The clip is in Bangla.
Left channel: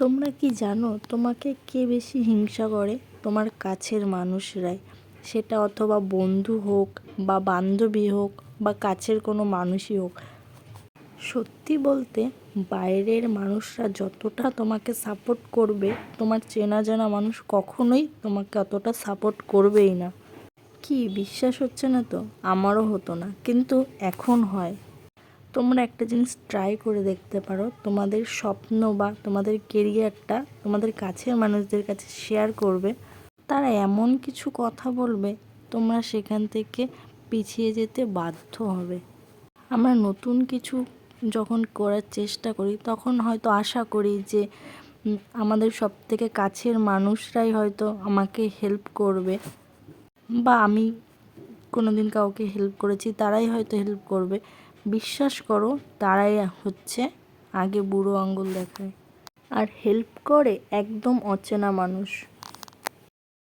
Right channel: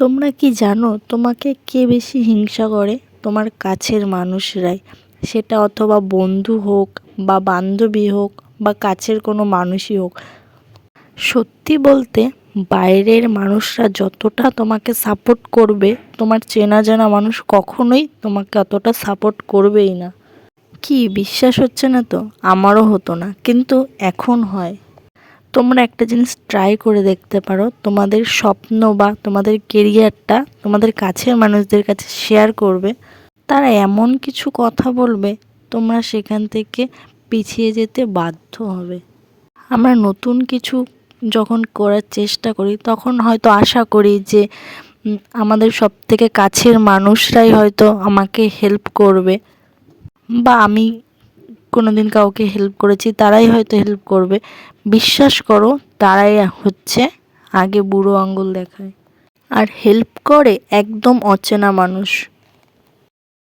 তোমরা কি জানো তোমাকে কে বেশি হিংসা করে? তোমার কাছের মানুষরাই। সেটা অথবা বন্ধু হোক বা বান্ধবী হোক বা কাছের কোনো মানুষই হোক। সত্যি বলতে বাইরের মানুষরা যতটা তোমাকে সাপোর্ট করবে, তোমার চেনা জানা মানুষ কখনোই তোমাকে অতটা সাপোর্ট করবেই না। কি বিশ্বাস হচ্ছে না? তো আমারও হতো না, কিন্তু এখন হয়। তোমরা একটা জিনিস ট্রাই করে দেখতে পারো, তোমাদের স্বপ্ন বা তোমাদের কেরিয়ারটা তোমাদের কাছের মানুষদের কাছে শেয়ার করবে। তারা এমন কিছু কথা বলবে, তোমরা সেখান থেকে পিছিয়ে যেতে বাধ্য হবে। আমরা নতুন কিছু যখন করার চেষ্টা করি, তখন হয়তো আশা করি যে আমাদের সবথেকে কাছের মানুষরাই হয়তো আমাকে হেল্প করবে, বা আমি কোনোদিন কাউকে হেল্প করেছি তারাই হয়তো হেল্প করবে। বিশ্বাস করো, তারাই হচ্ছে আগে বুড়ো আঙুল দেখায়। আর হেল্প করে একদম অচেনা মানুষ।